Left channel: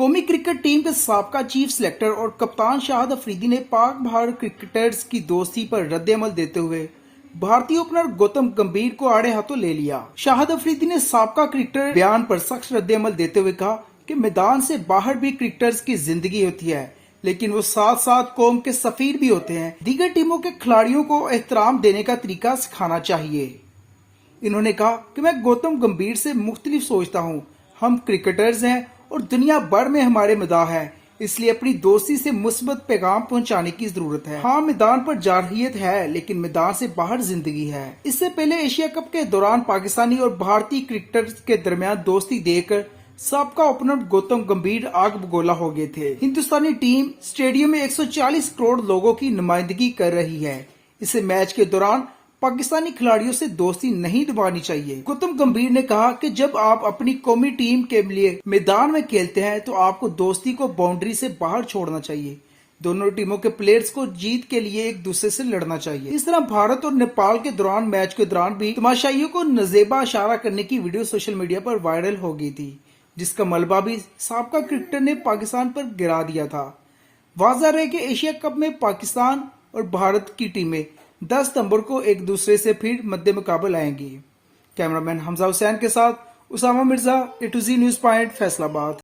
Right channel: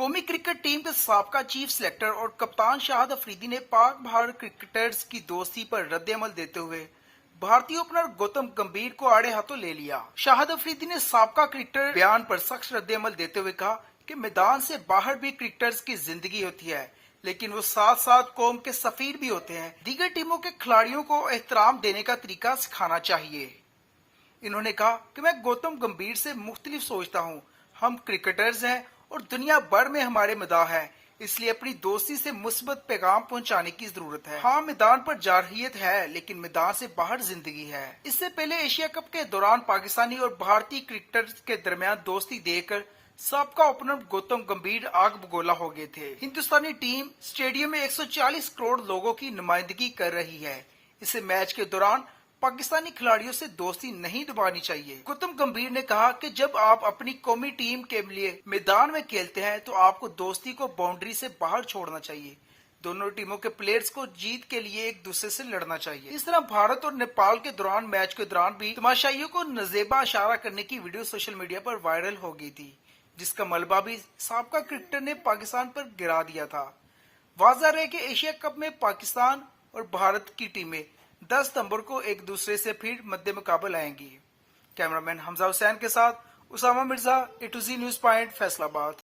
कौमी cricket team के साबका चीफ सिलेक्टर और कप्तान शाहिद अफरीदी ने पाक भारत क्रिकेटर्स की दोस्ती पर रद्द-ए-अमल देते हुए भारतीय ओपनर गौतम गंभीर को आड़े हाथों ले लिया। शाहिद अफरीदी ने साबका क्रिकेटर बयान पर सख्त रद्द-ए-अमल देते हुए कहा कि मैदान से बाहर भी क्रिकेटर्स की जिंदगी होती है, लेकिन वो साथ साथ कौम के सफीर भी होते हैं। दीगर टीमों के खिलाड़ियों को एहतराम देने का तरीका सिखाना चाहिए। इन्होंने कहा कि मैं गौतम गंभीर से मुख्तलिफ सोचता हूँ। हम क्रिकेटर्स हैं और दुनिया भर में हमारे मदाह है, इसलिए अपनी दोस्ती से मुस्बत पैगाम पहुंचाने की जरूरत है। हाँ, मैदान पर जारहियत है, लेकिन मैदान से बाहर जिंदगी है। इससे पहले एशिया कप के दौरान पाकिस्तानी और भारतीय क्रिकेटर्स के दरमियान दोस्ती देखकर सबका ओपनर गौतम गंभीर आग बगोला हो गए थे। हिंदुस्तानी टीम स्टेडियम में 140 करोड़ लोगों की नुमाइंदगी कर रही है। इसे मैच के दौरान पाकिस्तानी खिलाड़ियों से दोस्ती नहीं निभानी चाहिए। गौतम गंभीर ने कहा कि जब आप अपनी कौमी टीम के लिए मैदान में खेलते हैं तो आपको दोस्ती को बाउंड्री से बाहर छोड़ना चाहिए। दोनों टीमों के प्लेयर्स को जीत के लिए एक दूसरे से लड़ना चाहिए। इस तरह भारत और नेपाल के दौरान मैच के दौरान भी तमाशाइयों को नजेबा इशारा करने की वीडियो सोशल मीडिया पर वायरल हो गई थी, जिसका मलबा भी साबका क्रिकेटर ने पाकिस्तान पर गिरा दिया था। वाज़ह है कि एशिया कप में पाकिस्तान और भारत की टीमें 10 सितंबर को एक दूसरे से फिर मद्दे मुकाबल आएंगी। कैमरामैन हमजा हुसैन के साथ Usama Mirza, A to Z news point, Faisalabad.